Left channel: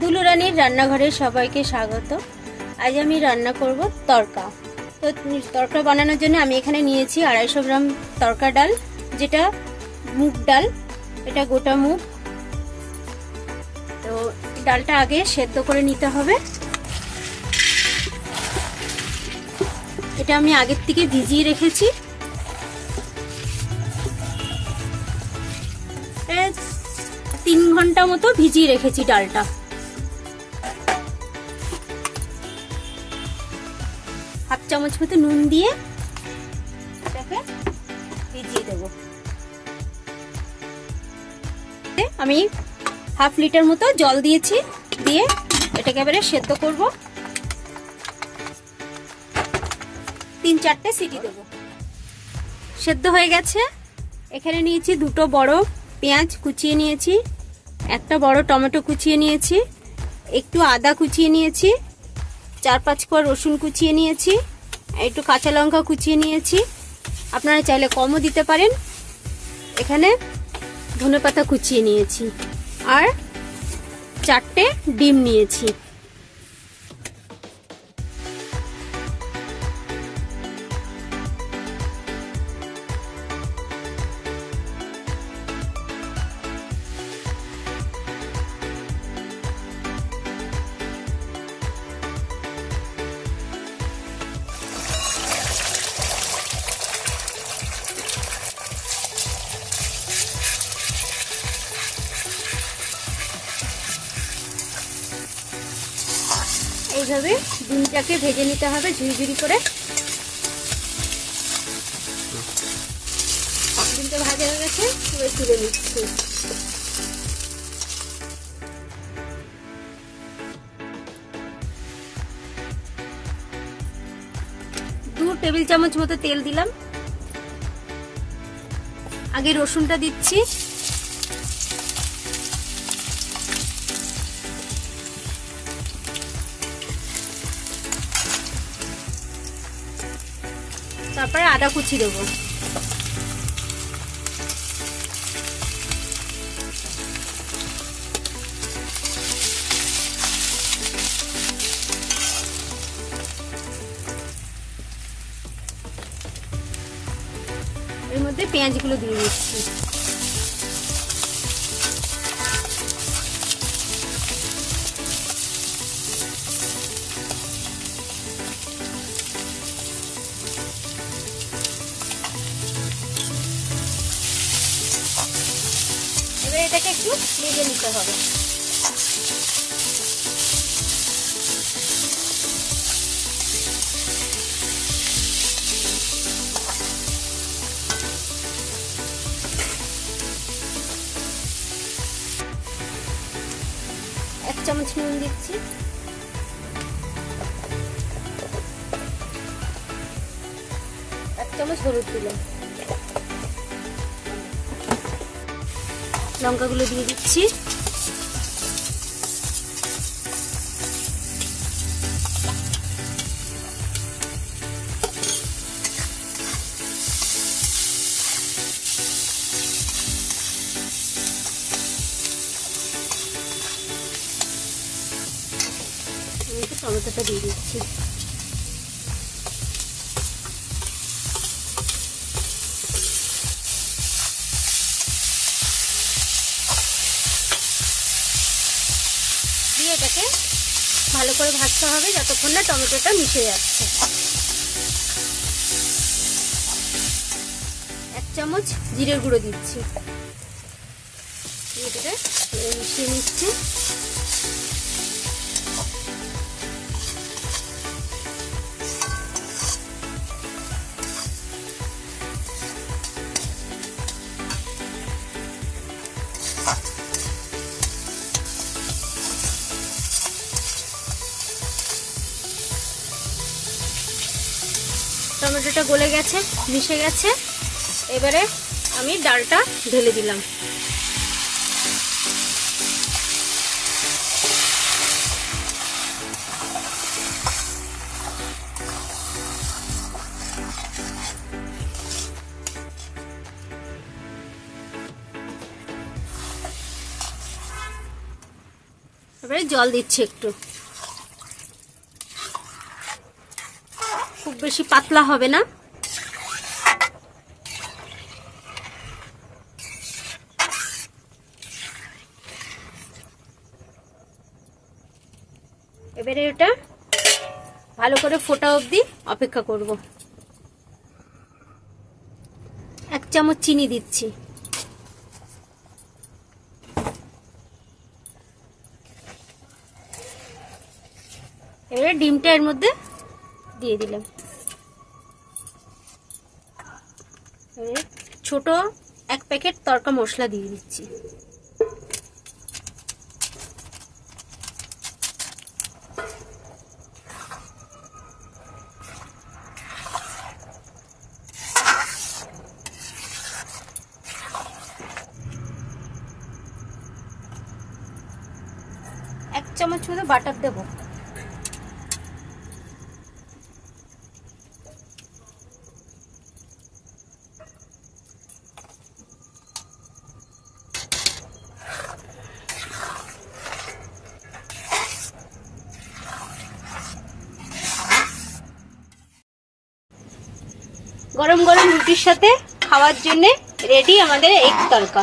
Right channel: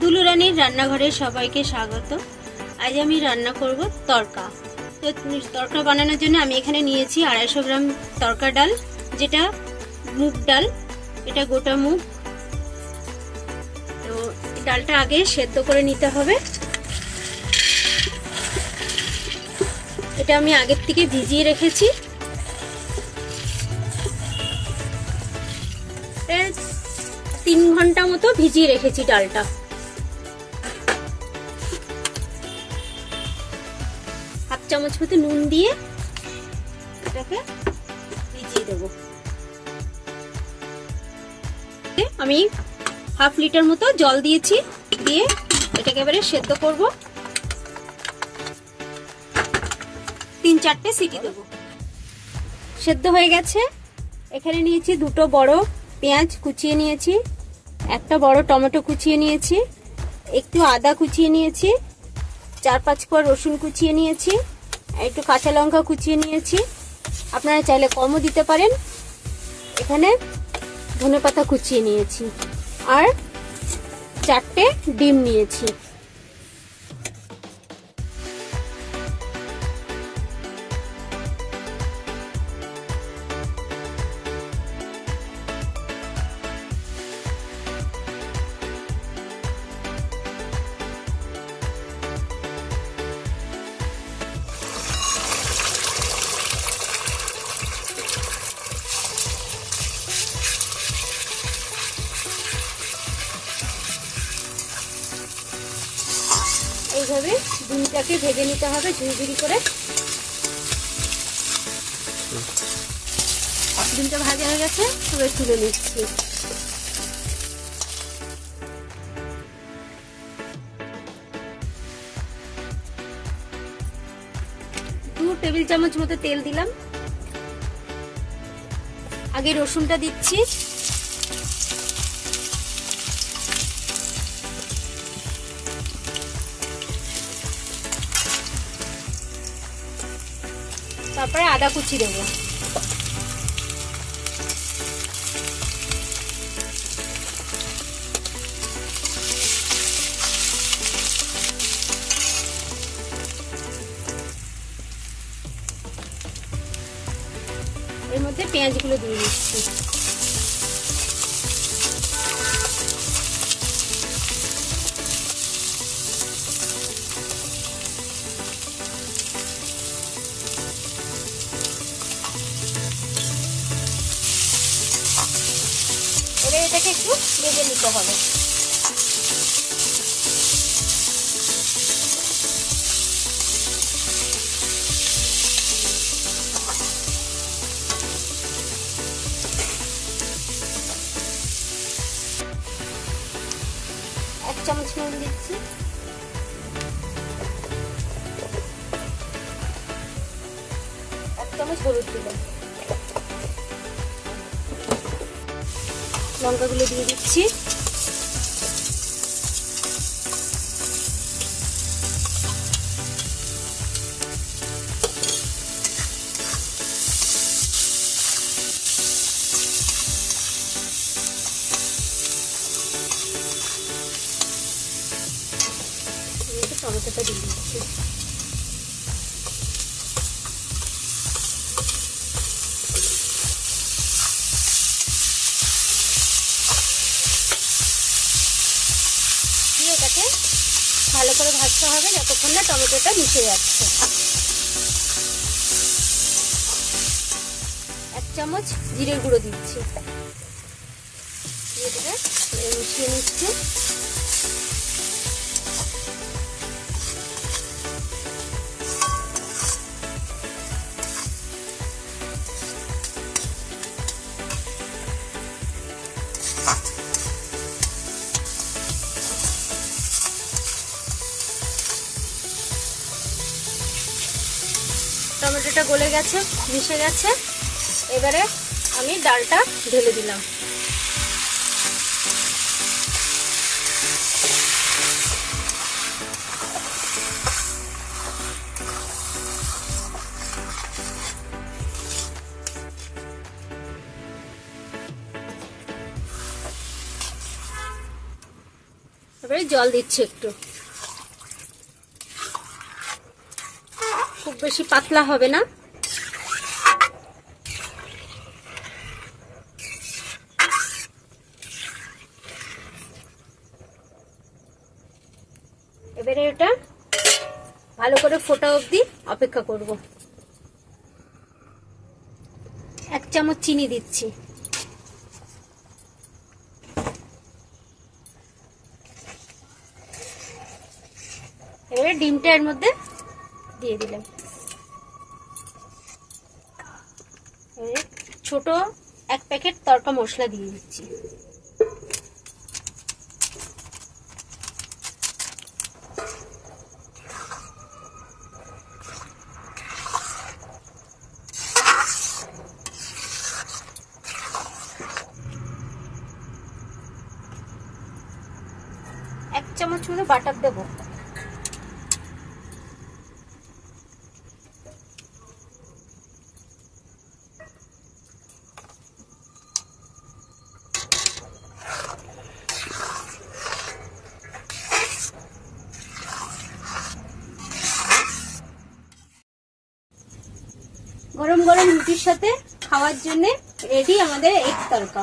দুলুরানীর রান্নাঘরে সবাইকে স্বাগত। আজ আমি রান্না করব তড়কা। তো তড়কা বানানোর জন্য আমি এখানে নিয়েছি 250 গ্রাম তড়কা ডাল, যেটা মুগ ডাল, এটা গোটা মুগ। তো ডালটা আগে সেদ্ধ করে নিতে হবে। এটা আমি আগের থেকে ভিজিয়ে রেখেছি। 3 ঘন্টা মতো ভিজিয়ে রেখেছি ডালটা। হাফ চামচ মতো নুন দিয়ে এটাকে ভিজিয়ে দেব। আমি হাফ লিটার মতো জল দিয়েছি, দিয়ে এটাকে এবারে সেদ্ধ করব। 3-4টে সিটি দেব। সেদ্ধ হয়ে গেছে। এখানে নিয়েছি 2টো বড় পেঁয়াজ কুচিয়ে নিয়েছি, একটা বড় টমেটো কুচিয়ে নিয়েছি, একটু আদা কুচিয়ে নিয়েছি, 4-5 কোয়া রসুন কুচিয়ে নিয়েছি, একটু কাঁচা লঙ্কা কুচিয়ে নিয়েছি। আপনারা চাইলে কমও দিতে পারেন। এখানে ধনেপাতা কুচিয়ে নিয়েছি আর 4টে ডিম নিয়েছি। এইভাবে ডিমটাকে ভেজে নিতে হবে ঝুড়ি করে। ডিমটা ভাজা হয়ে গেছে, এবার তুলে নিচ্ছি। দু টেবিল চামচ মতো তেল দিলাম। আগে রসুনটা দিচ্ছি, তারপরে আদা কুচি দেবো। এর মধ্যে পেঁয়াজগুলো দিয়ে দিচ্ছি। এটাকে একটু ভেজে নিতে হবে। এক চামচ নুন দিচ্ছি, এক চামচ হলুদ দিলাম, লঙ্কাগুলো দিয়ে দিচ্ছি। টমেটোটা দিয়ে দিচ্ছি। এটাকে ভালো করে ভাজতে হবে যতক্ষণ না টমেটোটা মিশে যাচ্ছে। 1 চামচ জিরের গুঁড়ো দিচ্ছি, এটাকে মিশিয়ে নিচ্ছি। টমেটোটা গলে গেছে, মিশে গেছে। এবারে আমি ডালটা ঢেলে দিলাম। এবারে জল দিচ্ছি একটু, খুব বেশি পাতলা হবে না। এবারে এটা ভালো করে ফোটা অবধি অপেক্ষা করব। 1 চামচ চিনি দিচ্ছি। এবারে ডিমটা এর মধ্যে দিয়ে দিলাম। এবারে ছোট 1 প্যাকেট তড়কা মশলা দিয়ে দিচ্ছি। এক চামচ মতো বাটার দেবো। গরম গরম রুটির সাথে খাওয়ার জন্য রেডি আমাদের এগ তড়কা।